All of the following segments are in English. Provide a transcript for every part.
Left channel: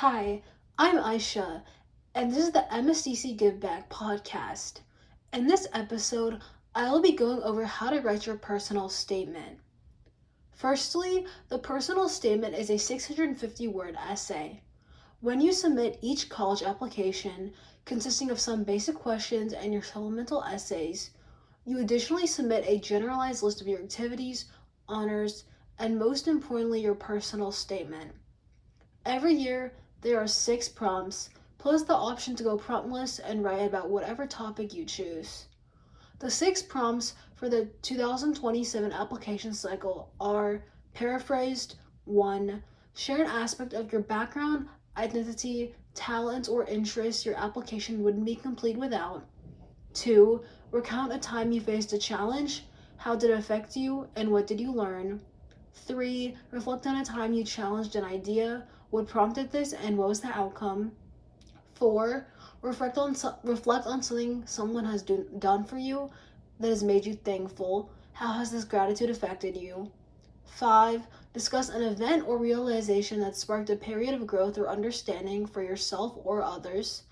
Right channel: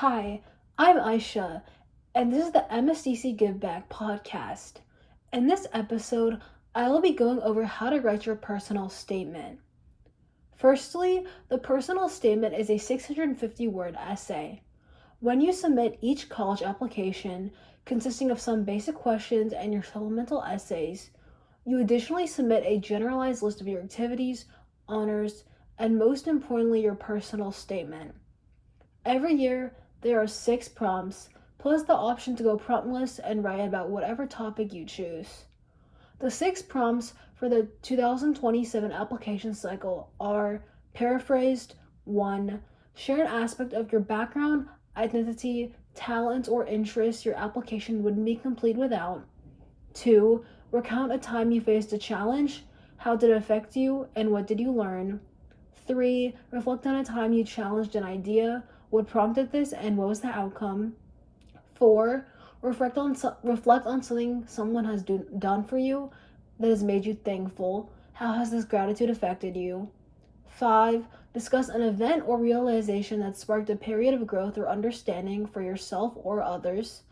Hi, I'm Aisha, and this is the MSTC Give Back podcast. In this episode, I will be going over how to write your personal statement. Firstly, the personal statement is a 650-word essay. When you submit each college application, consisting of some basic questions and your supplemental essays, you additionally submit a generalized list of your activities, honors, and most importantly, your personal statement. Every year, there are 6 prompts, plus the option to go promptless and write about whatever topic you choose. The 6 prompts for the 2027 application cycle are paraphrased: 1. Share an aspect of your background, identity, talents, or interests your application wouldn't be complete without. 2. Recount a time you faced a challenge. How did it affect you, and what did you learn? 3. Reflect on a time you challenged an idea. What prompted this, and what was the outcome? 4. Reflect on something someone has done for you that has made you thankful. How has this gratitude affected you? 5. Discuss an event or realization that sparked a period of growth or understanding for yourself or others.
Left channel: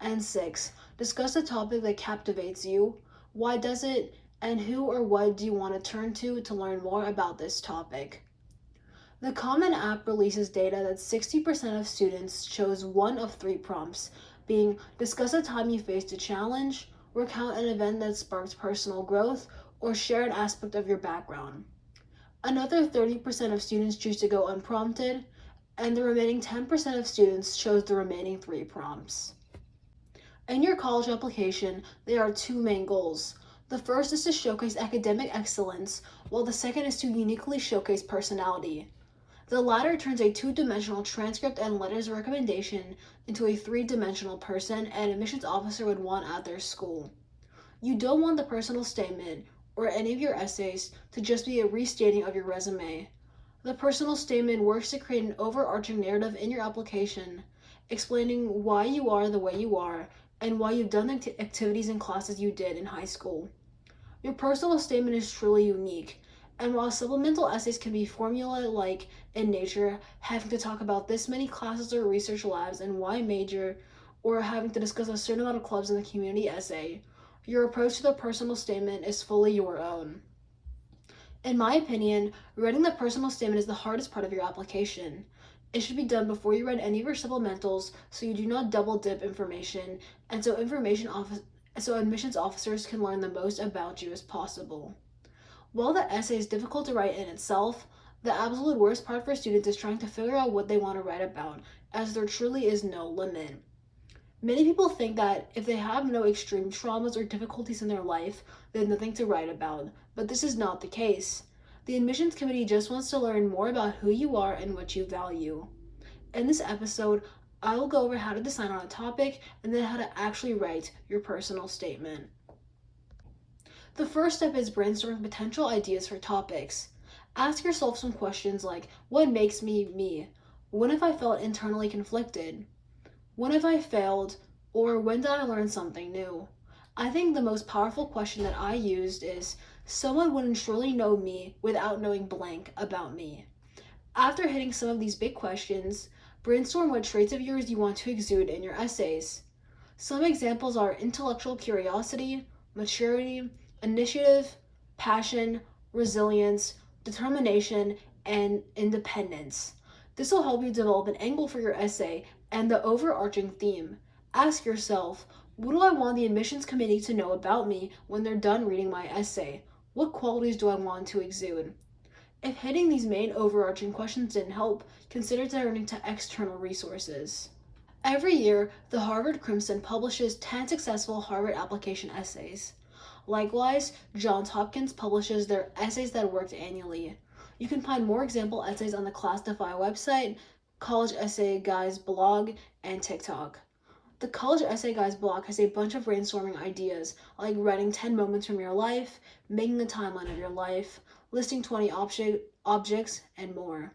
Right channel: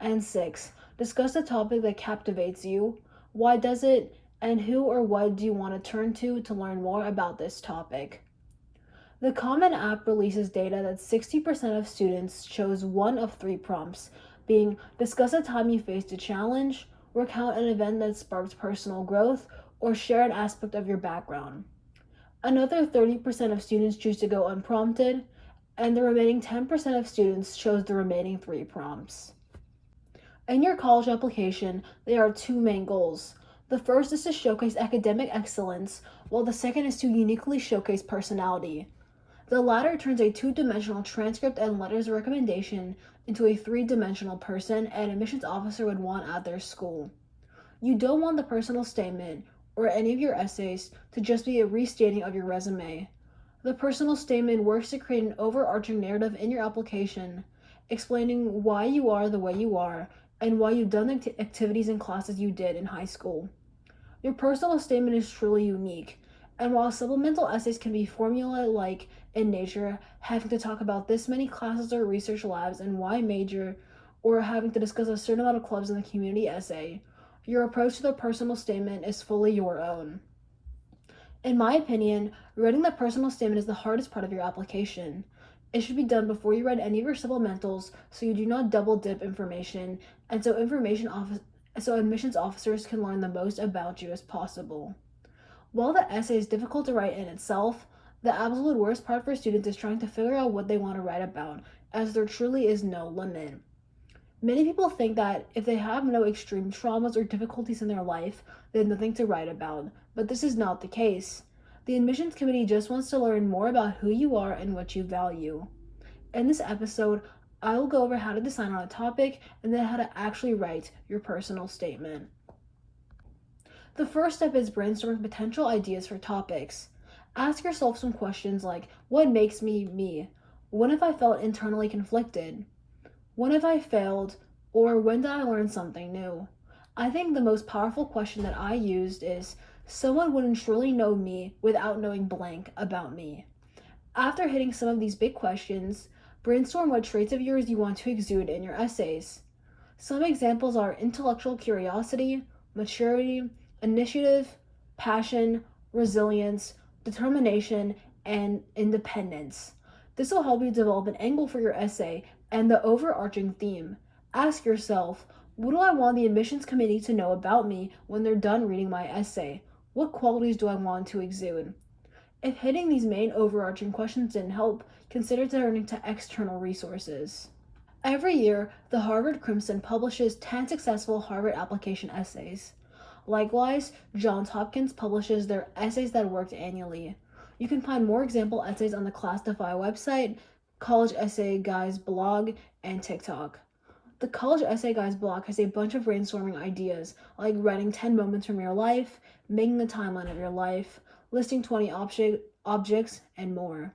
And 6. Discuss a topic that captivates you. Why does it, and who or what do you want to turn to learn more about this topic? The Common App releases data that 60% of students chose one of 3 prompts, being discuss a time you faced a challenge, recount an event that sparked personal growth, or share an aspect of your background. Another 30% of students choose to go unprompted, and the remaining 10% of students chose the remaining 3 prompts. In your college application, there are 2 main goals. The first is to showcase academic excellence, while the second is to uniquely showcase personality. The latter turns a 2-dimensional transcript and letters of recommendation into a 3-dimensional person an admissions officer would want at their school. You don't want the personal statement or any of your essays to just be a restating of your resume. The personal statement works to create an overarching narrative in your application, explaining why you are the way you are and why you've done the activities and classes you did in high school. Your personal statement is truly unique, and while supplemental essays can be formula-like in nature, having to talk about this many classes or research labs and why major, or having to discuss a certain amount of clubs in the community essay, your approach to the personal statement is fully your own. In my opinion, writing the personal statement is the hardest part of your application. It should be done before you write any of your supplementals so you do not double dip information and so admissions officers can learn the most about you as possible. While the essay is difficult to write in itself, the absolute worst part for students is trying to figure out what they want to write about, as there truly is no limit. Many people think that if they have no extreme traumas or difficulties in their life, they have nothing to write about, but this is not the case. The admissions committee just wants to learn more about who you are and what you value. In this episode, I will go over how to decide on a topic and then how to actually write your personal statement. The first step is brainstorming potential ideas for topics. Ask yourself some questions like, what makes me me? When have I felt internally conflicted? When have I failed? Or when did I learn something new? I think the most powerful question that I used is, someone wouldn't surely know me without knowing blank about me. After hitting some of these big questions, brainstorm what traits of yours you want to exude in your essays. Some examples are intellectual curiosity, maturity, initiative, passion, resilience, determination, and independence. This will help you develop an angle for your essay and the overarching theme. Ask yourself, what do I want the admissions committee to know about me when they're done reading my essay? What qualities do I want to exude? If hitting these main overarching questions didn't help, consider turning to external resources. Every year, the Harvard Crimson publishes 10 successful Harvard application essays. Likewise, Johns Hopkins publishes their Essays That Worked annually. You can find more example essays on the Classify website, College Essay Guys blog, and TikTok. The College Essay Guys blog has a bunch of brainstorming ideas, like writing 10 moments from your life, making the timeline of your life, listing 20 objects, and more.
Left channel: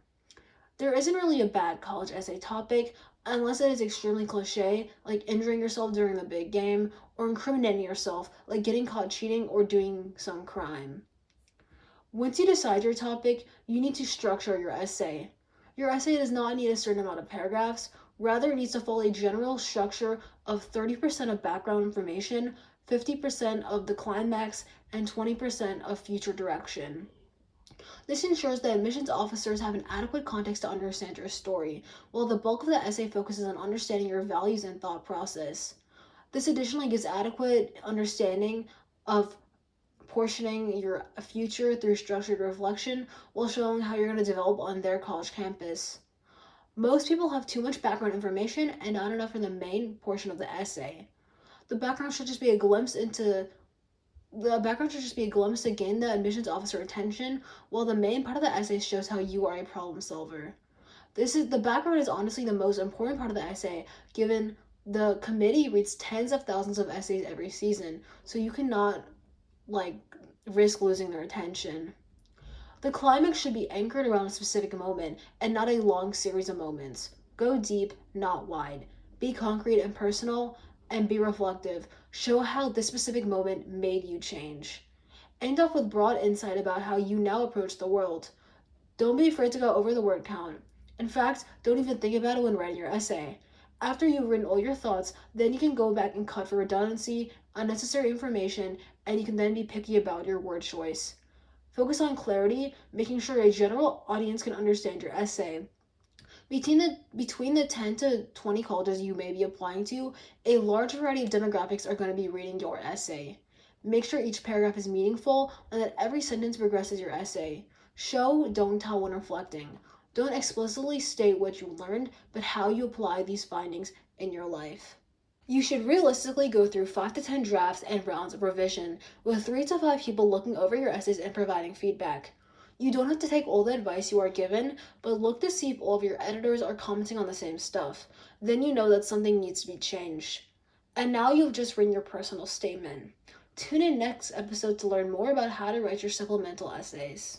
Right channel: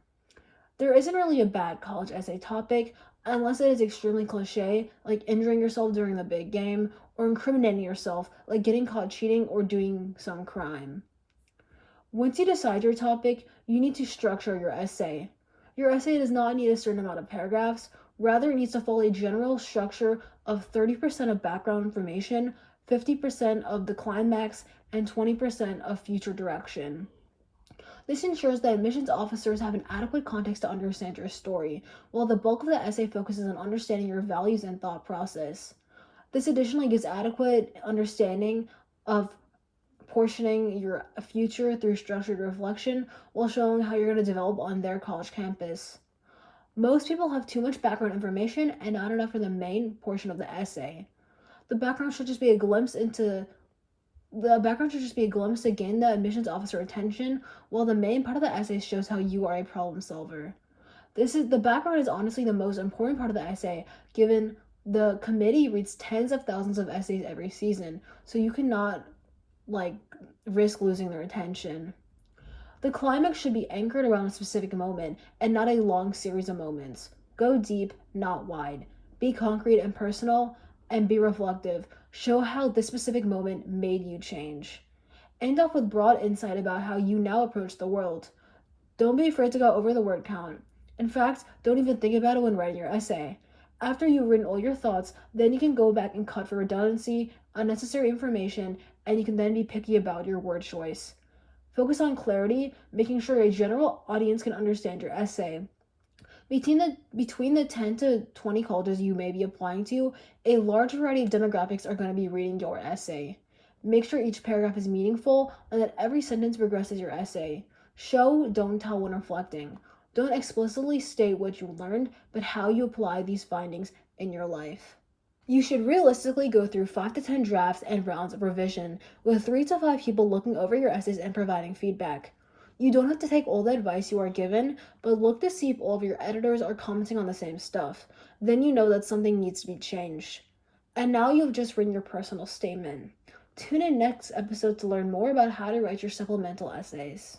There isn't really a bad college essay topic, unless it is extremely cliche, like injuring yourself during the big game, or incriminating yourself, like getting caught cheating or doing some crime. Once you decide your topic, you need to structure your essay. Your essay does not need a certain amount of paragraphs, rather, it needs to follow a general structure of 30% of background information, 50% of the climax, and 20% of future direction. This ensures that admissions officers have an adequate context to understand your story, while the bulk of the essay focuses on understanding your values and thought process. This additionally gives adequate understanding of portioning your future through structured reflection while showing how you're going to develop on their college campus. Most people have too much background information and not enough in the main portion of the essay. The background should just be a glimpse into the background should just be a glimpse to gain the admissions officer attention, while the main part of the essay shows how you are a problem solver. The background is honestly the most important part of the essay, given the committee reads tens of thousands of essays every season, so you cannot like risk losing their attention. The climax should be anchored around a specific moment and not a long series of moments. Go deep, not wide. Be concrete and personal, and be reflective. Show how this specific moment made you change. End off with broad insight about how you now approach the world. Don't be afraid to go over the word count. In fact, don't even think about it when writing your essay. After you've written all your thoughts, then you can go back and cut for redundancy, unnecessary information, and you can then be picky about your word choice. Focus on clarity, making sure a general audience can understand your essay. Between the 10 to 20 colleges you may be applying to, a large variety of demographics are going to be reading your essay. Make sure each paragraph is meaningful and that every sentence progresses your essay. Show, don't tell when reflecting. Don't explicitly state what you learned, but how you apply these findings in your life. You should realistically go through 5 to 10 drafts and rounds of revision, with 3 to 5 people looking over your essays and providing feedback. You don't have to take all the advice you are given, but look to see if all of your editors are commenting on the same stuff. Then you know that something needs to be changed. And now you've just written your personal statement. Tune in next episode to learn more about how to write your supplemental essays.